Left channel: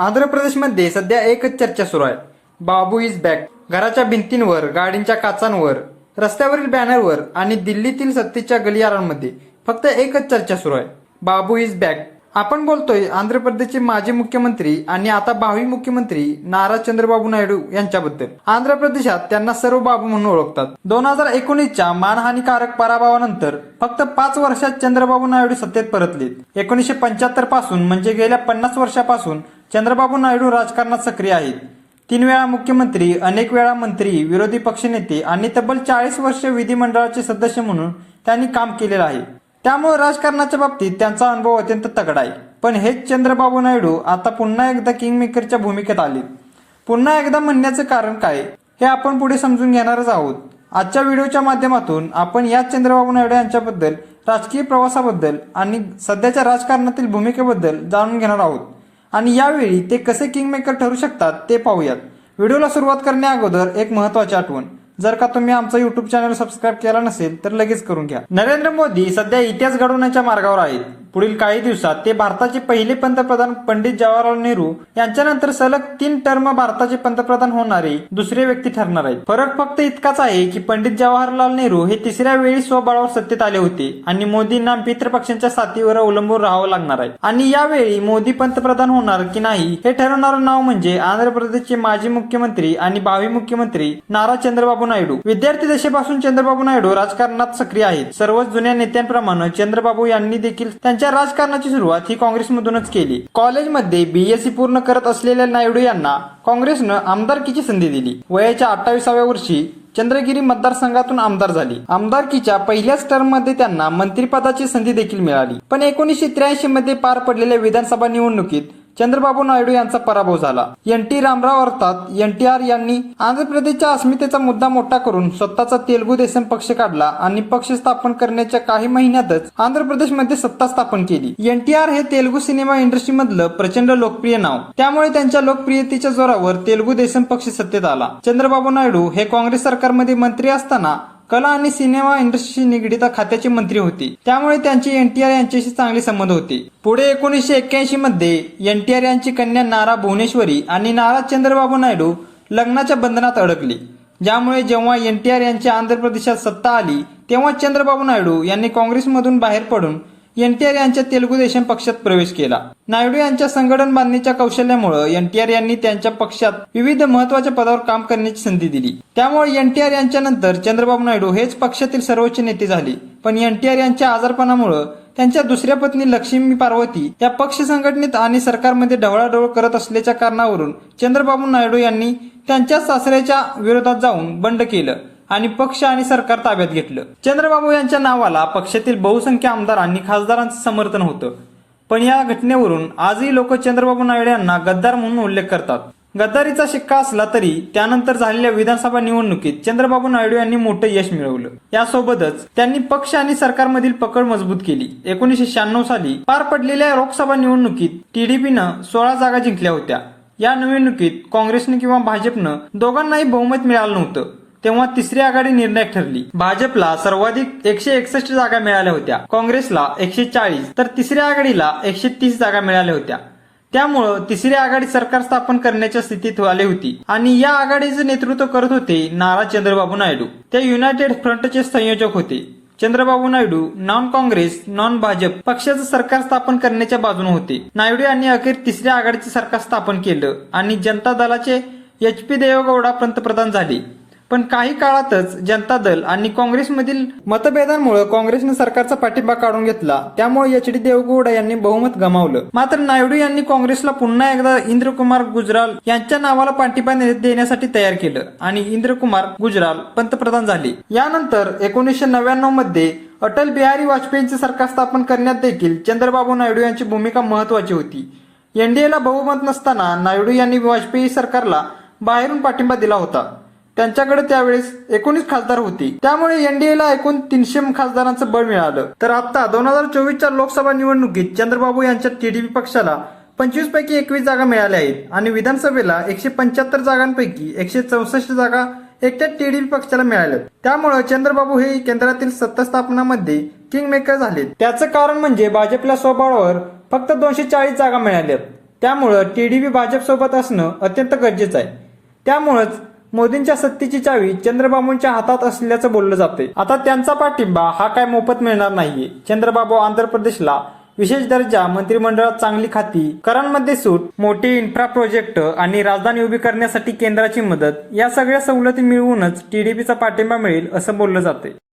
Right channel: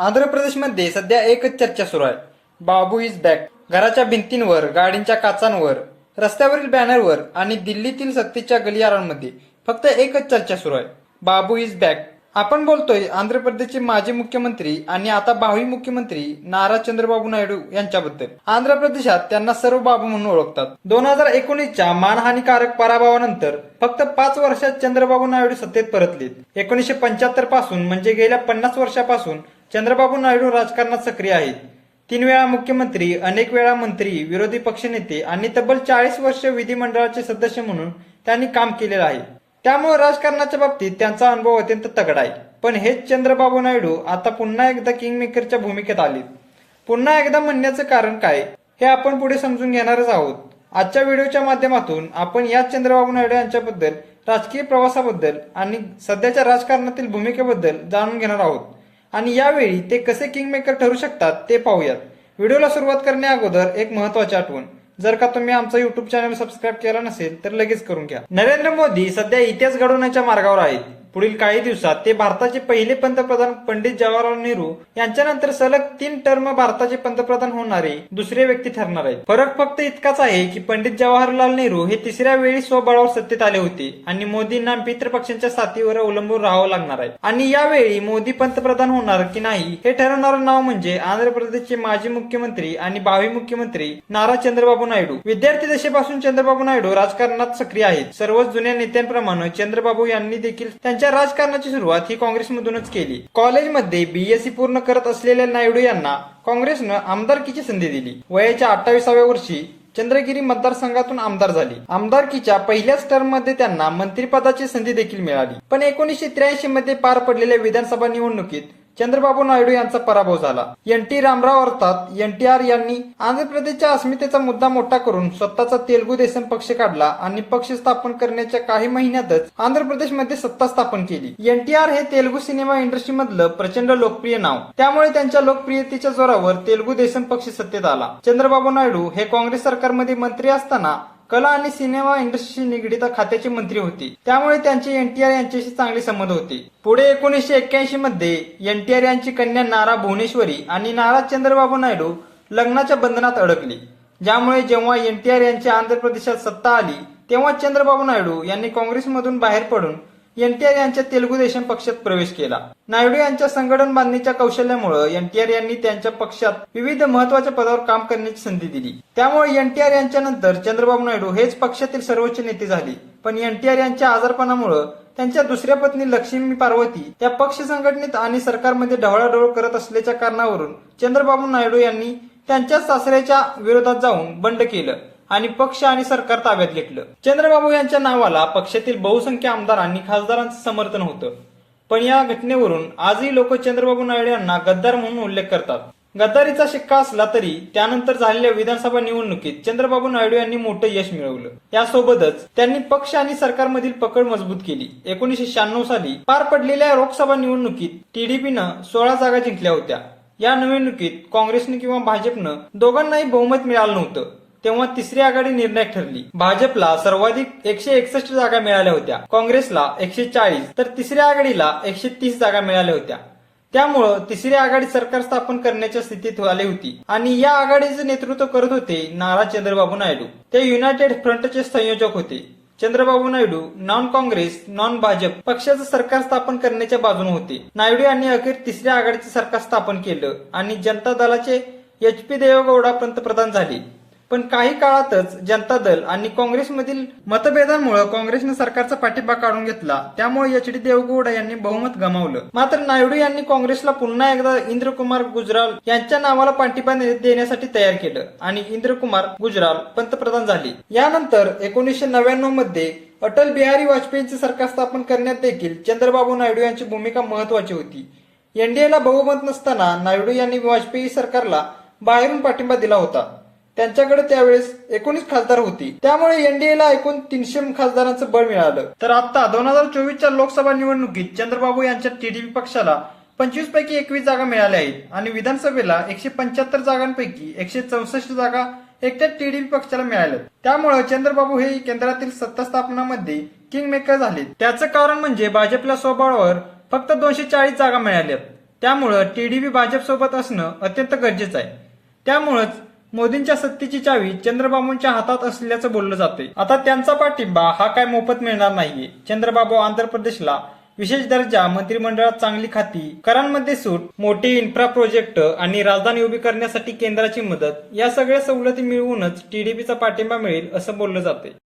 आंध्र प्रदेशमध्ये सध्या एकच चर्चा सुरू आहे. बाबू इज बॅक. घराच्या भिंतींवर, गाडींच्या काचांवर, रस्त्यावरील बॅनरवर आणि दिल्लीतील सत्तेच्या गलियारांमध्ये फक्त एकच चर्चा सुरू आहे. बाबू इज बॅक. आपण बोलतोय आंध्र प्रदेशचे माजी मुख्यमंत्री आणि आता भावी मुख्यमंत्री नारा चंद्रबाबू नायडू यांच्याबद्दल. आंध्र प्रदेशात त्यांना सर्व बाबू म्हणून ओळखतात. 2019च्या मानहानीकारक पराभवानंतर फक्त 5 वर्षात चंद्रबाबू नायडू सत्तेत परतलेत. 1975 पासून म्हणजे गेल्या 50 वर्षापासून चंद्रबाबू नायडू राजकारणात सक्रिय आहेत. 3 वेळा मुख्यमंत्री, अनेक वेळा मंत्री, विरोधी पक्षनेते आणि तब्बल 40 वर्ष विधिमंडळाचे सदस्य म्हणून त्यांनी काम केलेलं आहे. त्यामुळे राजकारणाच्या बाबतीत त्यांचा अनुभव अत्यंत तगडा आहे. पण हेच चंद्रबाबू नायडू आता पुन्हा एकदा किंगमेकरच्या भूमिकेत आलेत. पुन्हा एकदा म्हणण्याचं कारण काय हे आपण पुढे समजून घेणारच आहोत. आजच्या व्हिडिओच्या माध्यमातून आपण याच चंद्रबाबू नायडू यांच्याबद्दल, राजकीय प्रवासाबद्दल आणि सध्याच्या राजकारणातील भूमिकेबद्दल जाणून घेणार आहोत. आणि यावेळी ते कसे किंगमेकर ठरू शकतात ते पाहूयात. व्हिडिओला सुरुवात करण्या अगोदर एक महत्वाची आठवण, जर का तुम्ही आमचा युट्यूब चॅनल सबस्क्राईब केला नसेल तर लगेच करून घ्या. नरेंद्र मोदी सध्या इतिहास घडवण्याच्या मार्गावर आहेत. पुढील काही दिवसात ते भारताचे पहिले पंतप्रधान पंडित जवाहरलाल नेहरू यांच्यानंतर सलग 3 टर्म भारताचे पंतप्रधान होणारे दुसरे व्यक्ती ठरणार आहेत. फरक फक्त इतकाच आहे की पंडित जवाहरलाल नेहरू हे 3ऱ्या वेळी स्वबळावर सत्तेत आले होते आणि मोदींना मित्रपक्षांच्या साथीवर अवलंबून राहावं लागणार आहे. आणि यावेळी मोदी पंतप्रधान होणार की नाही हे ठरवणारं नाव म्हणजे आंध्र प्रदेशचे माजी मुख्यमंत्री आणि भावी मुख्यमंत्री नारा चंद्रबाबू नायडू. विद्यार्थी दशेपासून चंद्रबाबू नायडू राजकारणात सक्रिय आहेत. सर्वच जुन्या नेत्यांप्रमाणे चंद्रबाबू यांनी देखील त्यांच्या राजकारणाची सुरुवात ही काँग्रेसमधूनच केली. कॉलेजमध्ये बीएससी पूर्ण करत असलेल्या नायडू यांना काँग्रेसनं आमदारकीची संधी दिली. वयाच्या 28व्या वर्षी चंद्रगिरी मतदारसंघातून आमदार झाले. आमदारकीच्या पहिल्याच टर्ममध्ये त्यांना मंत्रिपदाची संधी देखील मिळाली. पण 1983 मध्ये पार पडलेल्या विधानसभा निवडणुकीत चंद्रबाबू नायडू यांचा पराभव झाला. एन.टी. रामराव अर्थात एनटीआर यांनी आंध्र प्रदेशच्या अस्मितेचा मुद्दा मोठा करून स्वतःचा तेलुगू देसम पक्ष काढला आणि पक्ष स्थापन करण्याच्या काही महिन्यातच आंध्र प्रदेशमध्ये सत्ता स्थापन केली. एनटीआर हे तेलुगू सिनेमा इंडस्ट्रीमधलं प्रचंड लोकप्रिय नाव. त्यामुळे त्यांच्या लोकप्रियतेच्या जोरावर तेलुगू देसम पक्ष सत्तेत आला. चंद्रबाबू नायडू हे काँग्रेस सरकारमध्ये मंत्री असताना कला आणि सिनेमा इंडस्ट्रीशी निगडीत खात्याचे मंत्री होते. त्यामुळे त्यांचे एनटीआर यांच्याशी चांगले संबंध होते. पुढे 1981 मध्ये एनटीआर यांची कन्या नारा भुवनेश्वरी आणि नारा चंद्रबाबू नायडू लग्नाच्या बंधनात अडकले. ज्यामुळे जेव्हा एनटीआर यांची आंध्र प्रदेशात सत्ता आली तेव्हा चंद्रबाबू नायडू यांनी काँग्रेसमधून बाहेर पडून एनटीआर यांच्या तेलुगू देशम पक्षात प्रवेश केला. नायडू यांच्या संघटन बांधणीच्या कौशल्यामुळे एनटीआर यांनी त्यांच्या पक्षात विविध महत्वाच्या पदावर काम करण्याची संधी दिली. त्यामुळे एनटीआर यांच्या नंतर चंद्रबाबू नायडू हेच पक्षातील सर्वोच्च नेते झाले. पण एनटीआर यांच्या आजारपणामुळे त्यांच्या दुसऱ्या पत्नी लक्ष्मी पार्वती या पक्ष संघटनेत आणि सरकारमध्ये ढवळाढवळ करत असल्याच्या कारणावरून चंद्रबाबू नायडू यांनी त्यांच्या सासऱ्याच्या विरोधात जाऊन बंड केलं आणि पक्ष आणि सरकार ताब्यात घेतलं. चंद्रबाबू यांच्या नावाला पक्षातील बहुसंख्य आमदार आणि खासदारांचं समर्थन होतं. पण या घटनेवरून आजही लोक चंद्रबाबू नायडू यांना गद्दार म्हणून उल्लेख करतात. गद्दारीचा शिक्का असला तरी त्यानंतर झालेल्या विधानसभा निवडणुकीत चंद्रबाबू नायडू यांनी मोठं यश मिळवलं. यासोबतच त्यांनी पक्ष आणि सरकारमधील पकड मजबूत केली. 1996 साली पार पडलेल्या लोकसभा निवडणुकीत टीडीपीनं 16 जागा जिंकल्या होत्या. या निवडणुकीत काँग्रेसनं किंवा भाजपनं दोघांनाही बहुमत मिळालं नव्हतं. तेव्हा तिसरी आघाडी निर्णायक ठरली. भाजपला सर्वाधिक 161 जागा मिळाल्या होत्या, काँग्रेसला 140 तर तिसऱ्या आघाडीला 130 जागा मिळाल्या होत्या. त्यामुळं तिसरी आघाडी सरकार स्थापन करण्याच्या स्थितीत आली होती आणि या आघाडीचं नेतृत्व करत होते नारा चंद्रबाबू नायडू. ते युनायटेड फ्रंटचे संयोजक होते. चंद्रबाबू नायडू नॉन काँग्रेस नॉन भाजप पक्षाचं सरकार स्थापन करण्याच्या बाजूने होते. नायडू यांनी अखेर तिसऱ्या आघाडीचे सरकार स्थापन केलं आणि जनता दलाचे एच.पी. देवेगौडा पंतप्रधान झाले. पण काही काळातच जनता दल आणि काँग्रेसमधील मतभेदांमुळे काँग्रेसने सरकारचा पाठिंबा काढून घेतला. त्यामुळे एच.डी. देवेगौडा यांनी बहुमत गमावलं. मात्र नायडू यांनी काँग्रेसला पुन्हा एकदा इंद्रकुमार गुजराल यांच्या नावाला पाठिंबा देण्यासाठी तयार केलं आणि इंद्रकुमार गुजराल पंतप्रधान झाले. यानंतर 1999 मध्ये अटल बिहारी वाजपेयींचे सरकार स्थापन करण्यात देखील चंद्रबाबू नायडू यांची भूमिका महत्वाची होती. एनडीएला बहुमत नसताना नायडू यांनी वाजपेयी सरकारला बाहेरून पाठिंबा दिला होता. त्यांच्याकडे त्यावेळेस 19 खासदार होते. त्यामुळे एनडीएला एकूण 300 खासदारांचं बळ मिळालं. तर आता 2024च्या लोकसभा निवडणुकीत चंद्रबाबू यांच्या टीडीपी पक्षाला 25 पैकी 21 जागा मिळाल्या आहेत आणि विधानसभेला 175 जागांपैकी 164 जागा एकट्या टीडीपी पक्षाला मिळाल्यात. त्यामुळे चंद्रबाबू हे केंद्रातील सत्ता स्थापनामध्ये किंगमेकर झाले. त्याचं कारण म्हणजे भाजपला स्वबळावर फक्त 240 जागा मिळाल्यात. त्यामुळं टीडीपी भाजपसोबत असणं अत्यंत गरजेचं आहे. त्यामुळंच मोदींच्या सत्तेची चावी चंद्रबाबूंच्या हातात असल्याचं बोललं जाते. आता त्यांचा पाठिंबा हा काय मोफत मिळणार नाहीये. चंद्रबाबू आंध्र प्रदेशला विशेष दर्जा, मंत्रिमंडळात चांगली खाती, करांमध्ये सूट, मोठे इन्फ्रा प्रोजेक्ट आणि राजधानी उभी करण्यासाठी केंद्राची मदत या सगळ्या सवलती मिळवूनच टीडीपीचा पाठिंबा मिळेल असं बोललं जाते.